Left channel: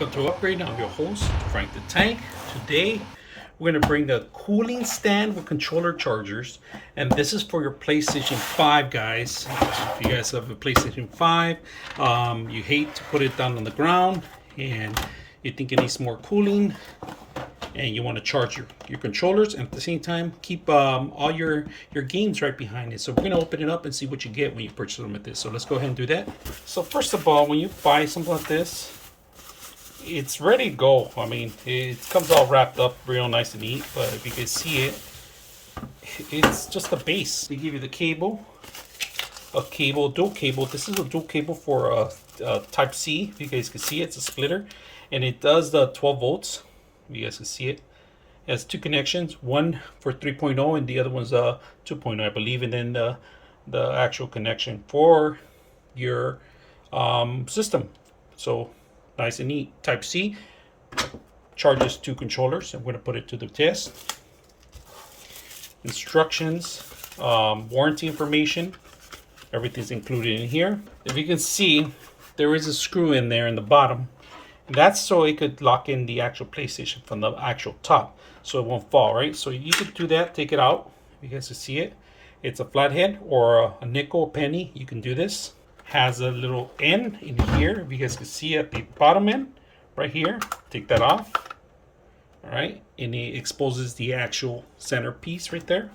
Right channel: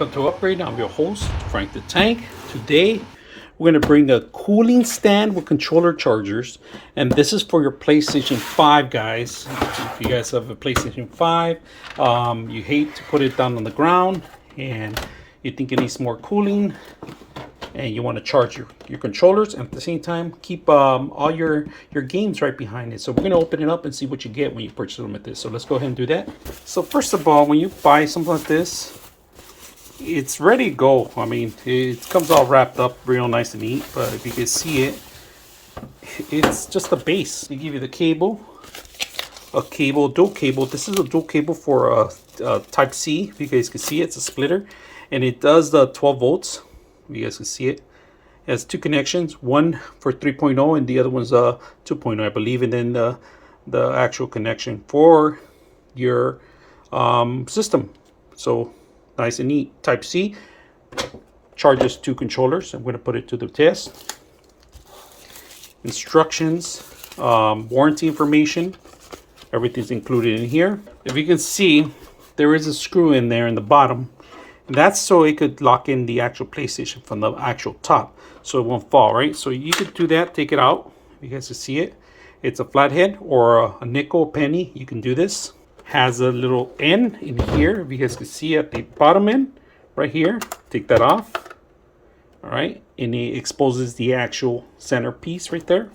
Welcome to Upgrade. I'm your host, Frank the Tank. Today, we're going to bring a cooling stand with controller chargers. And this is for your PlayStation 5, guys. If you guys have a PlayStation 5, you hate to put it down on the ground and you think it needs more cooling and you want to charge your controllers and at the same time keep all your games right behind it. So we're going to open it up and see what you get when you purchase them with this. So let's go ahead and do that. So first of all, when you buy something like this, it's ready to go. I mean, it comes all wrapped up real nice and neat, but if you can see it, it's just a base. They give you the cable, dual cable. This is a dual cable for type C. If you guys can see it, it's a splitter and it does the 12 volts. You guys can see it. It has two connections, one for 3.0 and the other one's 2.0, I believe, and then the actual connection for your system. So nice and neat. Type C charges two controllers. I'm going to put it to the test. Instructions, warranty information, everything's included in here. If you can see, there is a screw in there in the bottom. And that's so it could lock in the actual PlayStation from the actual top, so it won't fall, right? So you could do that, take it out. You guys can see it. It's a flathead or a nickel, penny. You can do this. Has a little end in here. If you guys can see at the bottom end, right here. Take that off. All right, and it exposes the actual center piece right there.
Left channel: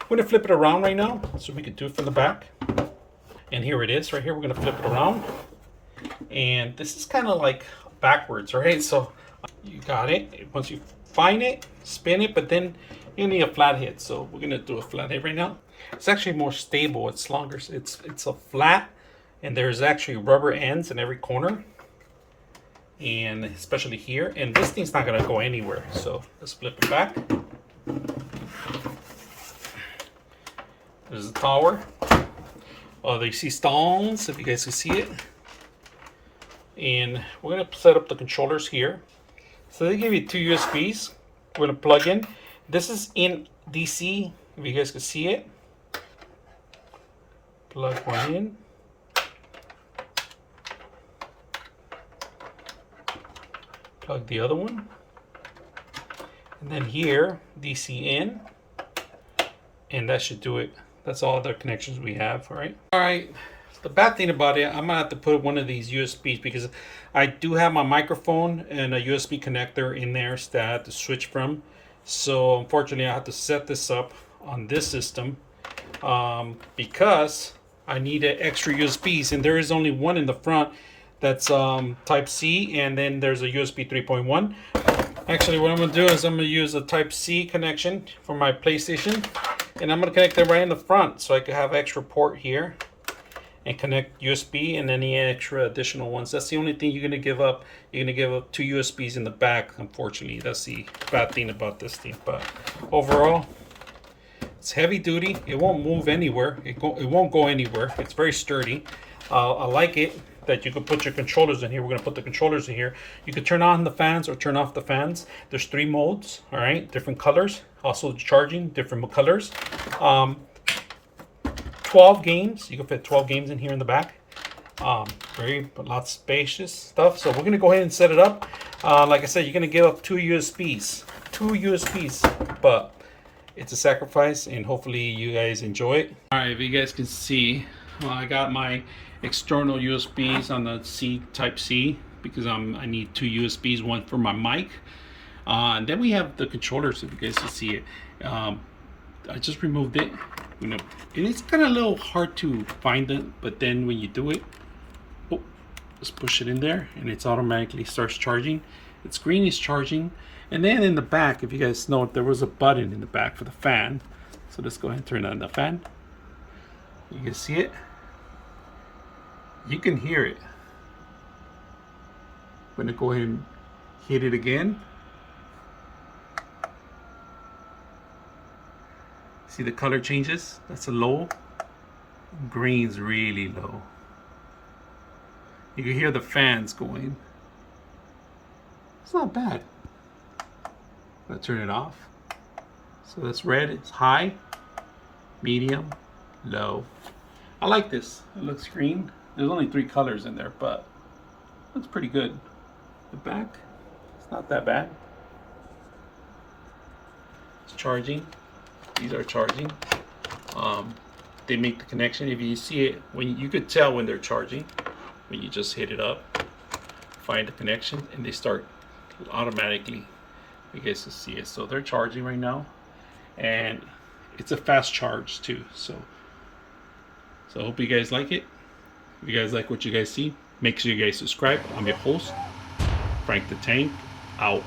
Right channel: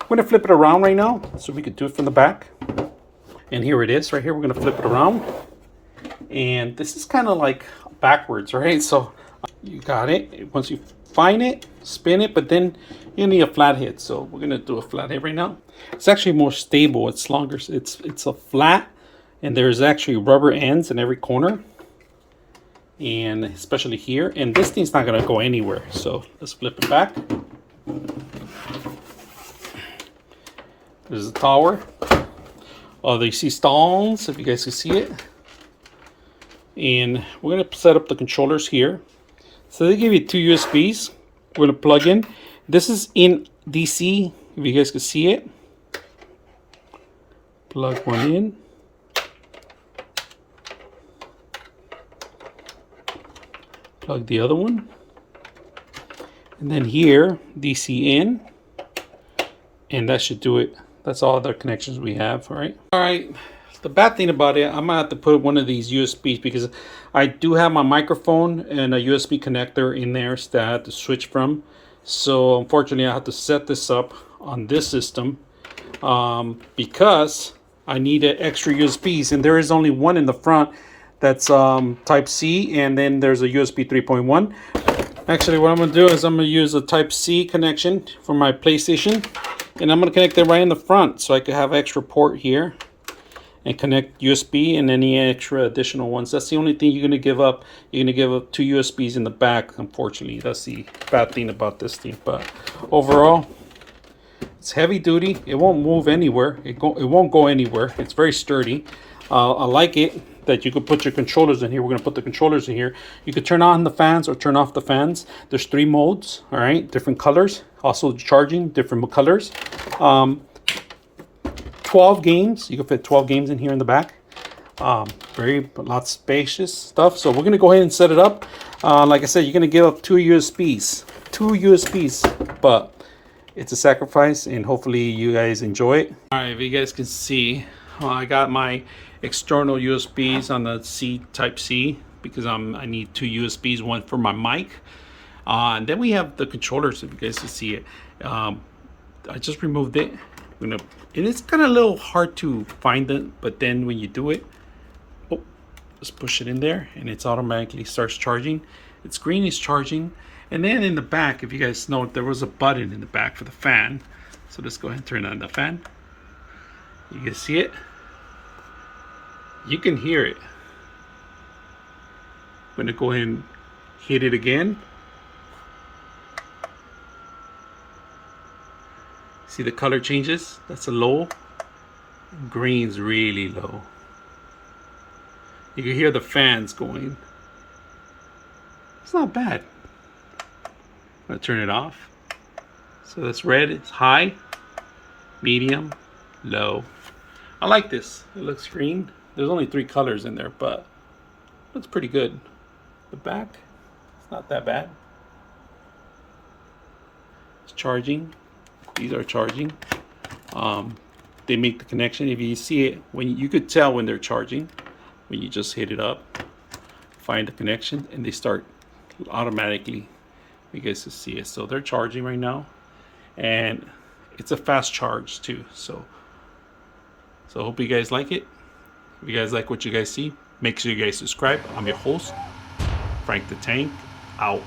I'm going to flip it around right now, so we could do it from the back. And here it is, right here. We're going to flip it around, and this is kind of like backwards, right? So you got it. Once you find it, spin it, but then you need a flathead. So we're going to do a flathead right now. It's actually more stable. It's longer. It's a flat. And there's actually rubber ends in every corner, and especially here. And this thing's not going to go anywhere. So let's flip it back. There's the tower. Oh, you see stones, if you guys can see it. And we're going to set up the controllers here. So they give you two USBs. We're going to plug in. This is in DC, if you guys can see it. Plug one in. Plug the other one, and then here DC in, and that should do it. That's all the connections we have. All right. The bad thing about it, I'm gonna have to put one of these USBs because I do have my microphone and a USB connector in there that I have to switch from. So unfortunately, I have to set this up on this system because I needed extra USBs, and there is only one in the front. That's type C, and then there's a USB 3.1. Actually, what I'm going to do is I'm going to use a type C connection for my PlayStation, and I'm going to connect it right in the front so I could have extra port here and connect USB and any extra additional ones. That's the only thing you're going to give up. You're going to give up two USBs in the back, unfortunately. That's the bad thing about this thing. But overall, it's heavy duty. It won't move anywhere. It won't go anywhere. It's very sturdy. I like it that you could put your controllers in here. We're going to put the controllers in here. You could turn on the fans or turn off the fans. There's 3 modes, all right, different colors. Also charging, different colors. 12 games. You can fit 12 games in here in the back. Lots spacious stuff. So we're going to go ahead and set it up. Like I said, you're going to give up 2 USBs. 2 USBs, but it's a sacrifice, and hopefully you guys enjoy it. All right, if you guys can see, I got my external USBs on the type C because I need 2 USBs, one for my mic, and then we have the controllers, if you guys can see it. I just removed it, and it's kind of a little hard to find it, but then when you do it, just push it in there and it's automatically starts charging. Its screen is charging, and then in the back, if you guys know, there was a button in the back for the fan. So let's go ahead and turn on the fan. You can see it. You can hear it. I'm going to go ahead and hit it again. See the color changes? That's a low. Green's really low. You can hear the fans going. It's not bad. I'm going to turn it off. So that's red. It's high, medium, low. I like this. It looks green. There's only 3 colors in there, but it's pretty good. the back. It's not that bad. It's charging. These are charging. They make the connection. If you see it, when you could tell when they're charging, when you just hit it up, find the connection, and they start automatically. You guys can see it. So they're charging right now, and it's a fast charge too. So I hope you guys like it. If you guys like what you guys see, make sure you guys subscribe. I'm your host, Frank the Tank, out.